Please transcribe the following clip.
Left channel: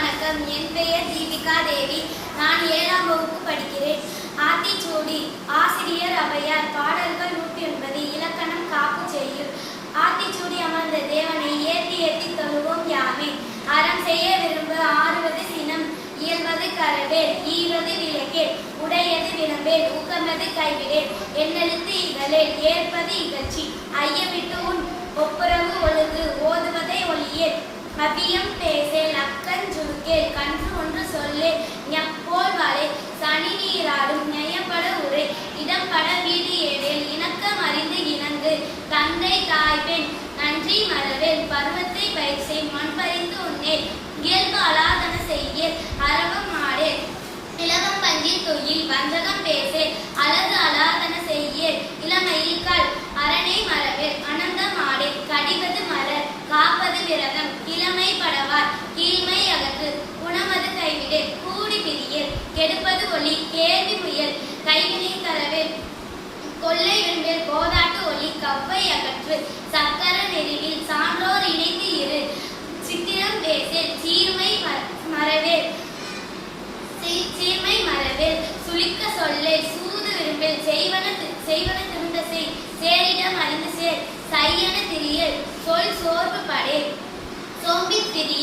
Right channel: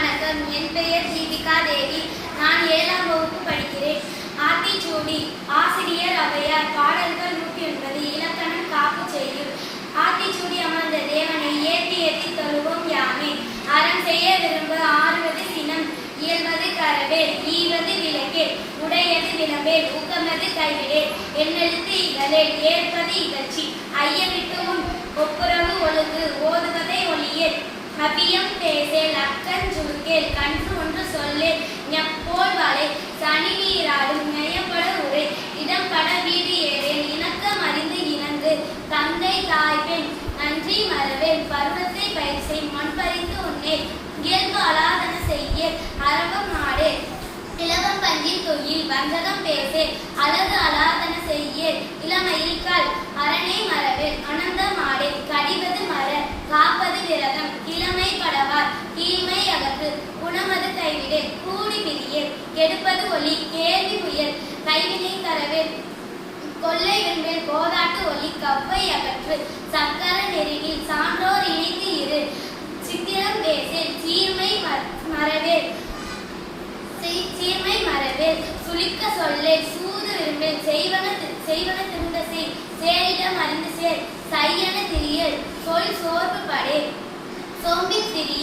வணக்கம். என் பெயர் தீபிகா தேவி. நான் 7ஆம் வகுப்பு படிக்கிறேன். ஆத்திச்சூடி. ஆசிரியர் ஔவையார். பாடல்கள் 109. இலக்கணம் காப்பு செய்யுள். ஆத்திச்சூடி அமர்ந்த தேவனை ஏற்றி ஏற்றி தொழுவோம் யாமே. அறம் செய்ய விரும்ப ஆறுவது சினம், இயல்வது கரவேல், ஈவது விளக்கேல், உடையது விளம்பேல், ஊக்கமது கைவிடேல், எண்ணெழுத்து இகழேல், ஏற்பது இகழ்ச்சி, ஐயவிட்டு உன் ஒப்புரவு ஒழுகு, ஓதுவதை ஒளியேல், அபியம் பேசேல், அக்கன் சுருக்கேல், கன்று ஒன்று சொல்லேல், ஞப்போல் வளை, சனி நீராடும், நயப்பட உரை, இடம்பட வீடு ஏறேல், இணக்கம் அறிந்து இணங்கு, தந்தை தாய் பெண் நன்றி மறவேல், பருவத்தை பயிற்சை, மண் பறிந்து உண்ணேல், இயல்பு அலாதன செய்யேல், அரவம் ஆடேல், இலவம் பஞ்சில் தொழில், வஞ்சகம் பேசேல், அழகு அலாதன செய்யேல், இளமையில் கல், அரணை மறவேல், அனந்தம் ஆடேல், கடிவது மர, காப்பது விரதம், இளமை படவார், கீழ்மை அகற்று, குணமது கைவிடேல், கூடி பிரியேல், கெடுப்பது ஒளி, கேள்வி முயல், கைவினை தரவேல், கொள்ளை வெண்பேல், கோதாட்டு ஒளி, கவ்வை அகற்று, சக்கர நெறிவில், சான்றோர் இணைந்து இரு, சித்திரம் பேசேல், சீர்மை மறவேல், சுளிக்க சொல்லேல், சூது விரும்பேல், செய்வன திருந்த செய், சேரிடம் அறிந்து சேர், சையன திரியல், சொல் சோர்வு படேல், சோம்பி திரியேல்.